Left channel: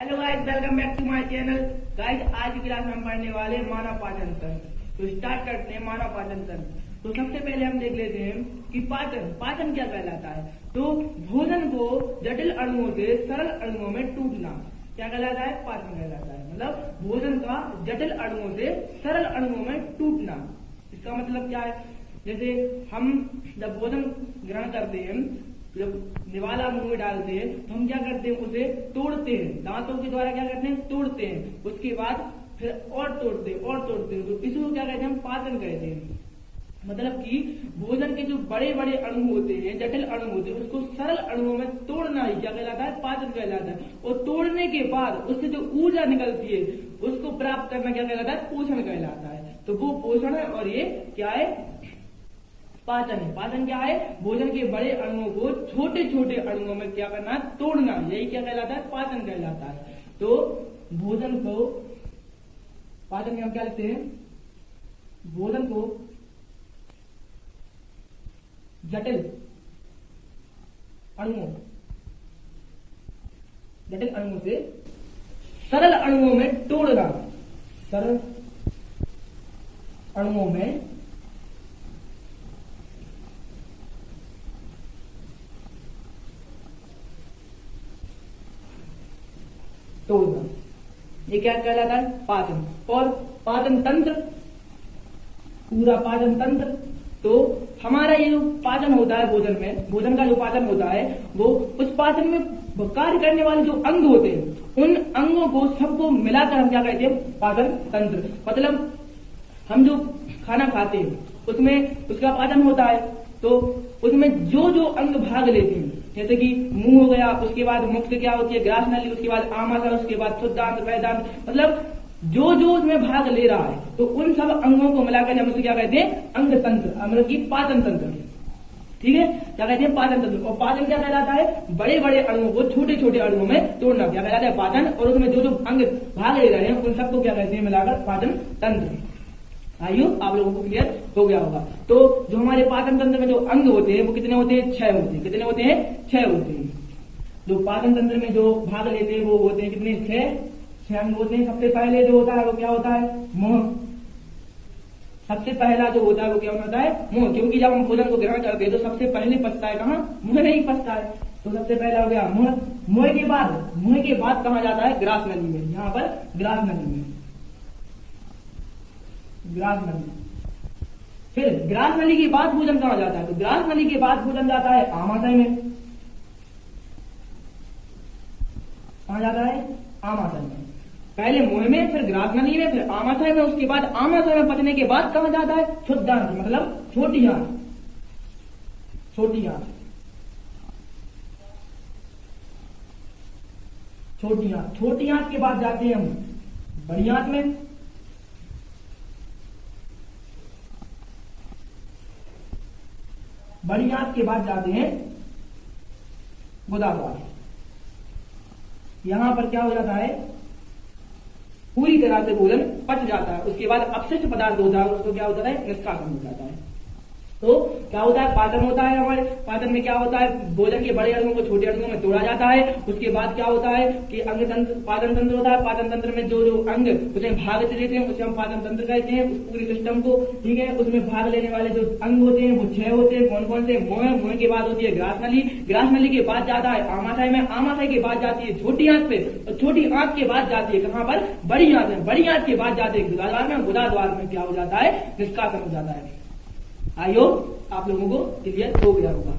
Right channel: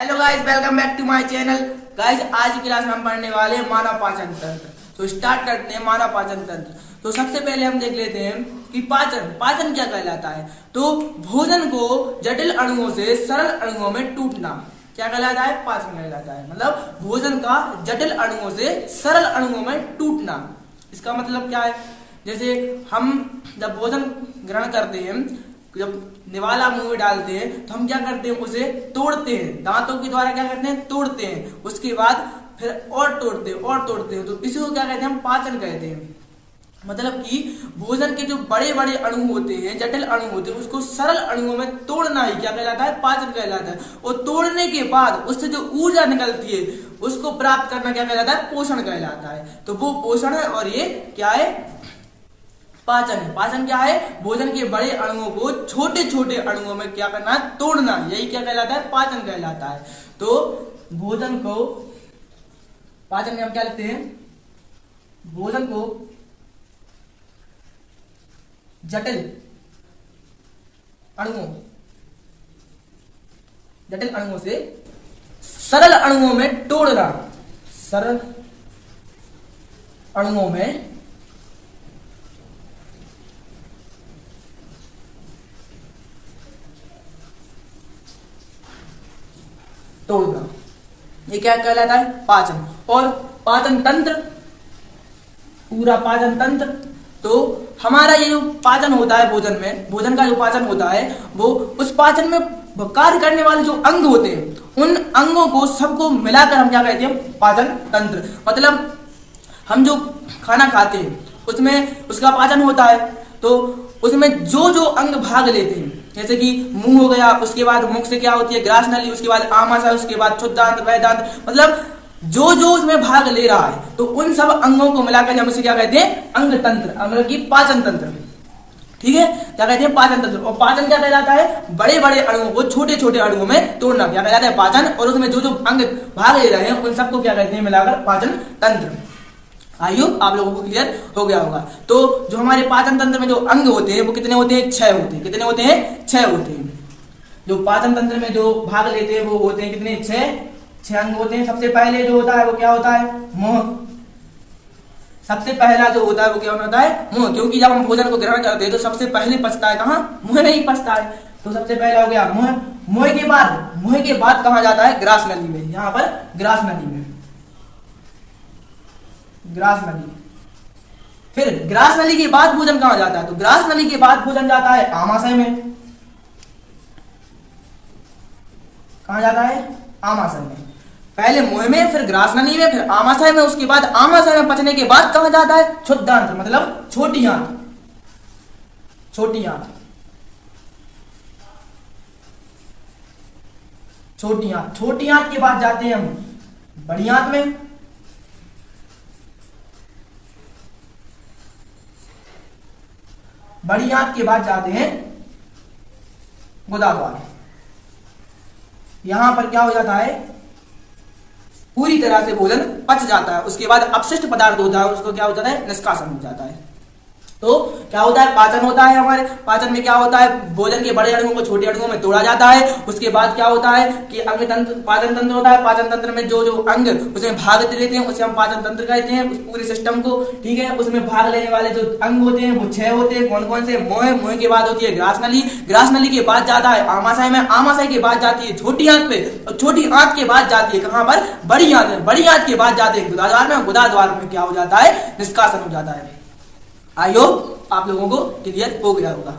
Hello guys, welcome back to my channel. Guys, आज की class में हम पढ़ने वाले हैं मानव पाचन तंत्र। तो स्टार्ट करते हैं मानव पाचन तंत्र। तो सबसे पहले हम देख लेते हैं कि पाचन क्या कहलाता है। तो भोजन को जटिल अणुओं से सरल अणुओं में टूटना क्या कहलाता है? पाचन कहलाता है। मतलब भोजन का जटिल अणुओं से सरल अणुओं में टूटना। इसका मतलब क्या है? जैसे हम जब भोजन ग्रहण करते हैं, जब निवाला मुंह में डालते हैं तो हम क्या करते हैं? उसे तोड़ते हैं, दांतों के द्वारा क्या करते हैं? तोड़ते हैं। उसके बाद फिर और तोड़ते हैं। तो इसी को क्या कहते हैं? हम पाचन कहते हैं। मतलब कि भोजन के जो बड़े बड़े अणु होते हैं, जटिल अणु होते हैं, उसको सरल अणुओं में तोड़ना ही क्या कहलाता है? पाचन कहलाता है। और तोड़ने के बाद उससे जो ऊर्जा निकलती है उसको प्राप्त करना क्या कहलाता है? पोषण कहलाता है। तो वो पोषण है और ये क्या है? पाचन है। पाचन क्या है? भोजन के बड़े अणुओं को छोटे छोटे अणुओं में क्या करना है? तोड़ना। यही क्या कहलाता है? पाचन कहलाता है। तो भोजन को पाचन में हम क्या लिखते हैं? भोजन को जटिल अणुओं से सरल अणुओं में तोड़ना। सरल अणुओं में तोड़ना, ये क्या कहलाता है? पाचन। और पाचन तंत्र, पूरा पाचन तंत्र, तो हमारा ये जो पाचन होता है भोजन का जो पाचन होता है, वो उस पाचन में कार्य करने वाले जो अंग होते हैं, उन अंगों को सबको मिलाकर हम क्या कहते हैं? पाचन तंत्र। मतलब हम जो खाना खाते हैं उसमें उसका पाचन होता है, तो उसमें जो जो अंग भाग लेते हैं, जैसे कि मुंह हो गया, उसके बाद मुख से क्या होती है? ग्रास नली, उसके बाद आमाशय, उसके बाद क्षुद्रांत, वैदांत, मतलब जो जो उसमें भाग ले रहा है, तो उन सब अंगों को मिलाकर हम उसे क्या कहते हैं? अंग तंत्र, मतलब कि पाचन तंत्र। ठीक है, क्या कहते हैं? पाचन तंत्र। और पाचन क्या कहलाता है? बड़े बड़े अणुओं को छोटे छोटे अणुओं में तोड़ना क्या कहलाता है? पाचन। और उसमें जो जो अंग भाग ले रहे हैं उन सबको क्या कहते हैं? मिलाकर पाचन तंत्र। आई होप आप लोगों को क्लियर हो गया होगा। तो जो हमारे पाचन तंत्र में जो अंग होते हैं वो कितने होते हैं? 6 होते हैं। कितने होते हैं? 6 होते हैं। जो पाचन तंत्र में जो भाग लेते हैं वो होते हैं कितने? 6 अंग होते हैं। सबसे पहले जो होता है वो क्या होता है? मुंह। सबसे पहला जो होता है वो क्या होता है? मुंह। क्योंकि जब हम भोजन को ग्रहण करते हैं तो सबसे पहले पचता है कहाँ? मुंह में ही पचता है। तो सबसे पहला हो गया मुंह। मुंह के बाद कहाँ जाता है? ग्रास नली में। यहाँ पर ग्रास नली में, ग्रास नली। फिर ग्रास नली के बाद भोजन कहां जाता है? तो ग्रास नली के बाद भोजन जाता है आमाशय में। कहां जाता है? आमाशय में। पहले मुंह में, फिर ग्रास नली में, फिर आमाशय में। उसके बाद आमाशय में पचने के बाद कहां जाता है? क्षुद्रांत, मतलब छोटी आंत। छोटी आंत के बाद जाते हैं हम बड़ी आंत में। बड़ी आंत के बाद जाते हैं गुदाद्वार। यहां पर क्या हो जाता है? पूरी तरह से भोजन पच जाता है। उसके बाद अपशिष्ट पदार्थ होता है, उसको क्या हो जाता है? निष्कासन हो जाता है। तो क्या होता है? पाचन होता है। हमारे पाचन में क्या होता है? भोजन के बड़े अणुओं को छोटे अणुओं में तोड़ा जाता है। उसके बाद क्या होता है कि अंग तंत्र, पाचन तंत्र होता है। पाचन तंत्र में जो जो अंग उसमें भाग लेते हैं उसे हम पाचन तंत्र कहते हैं, उस पूरे सिस्टम को। ठीक है, उसमें भाग लेने वाले जो अंग होते हैं वो 6 होते हैं। कौन कौन से? मुंह के बाद होती है ग्रास नली। ग्रास नली के बाद जाता है आमाशय में। आमाशय के बाद जाती है छोटी आंत पे। और छोटी आंत के बाद जाती है कहां पर? बड़ी आंत में। बड़ी आंत के बाद जाते हैं गुदाद्वार में। गुदाद्वार में क्या हो जाता है? निष्कासन हो जाता है। आई होप आप लोगों को क्लियर हो गया होगा।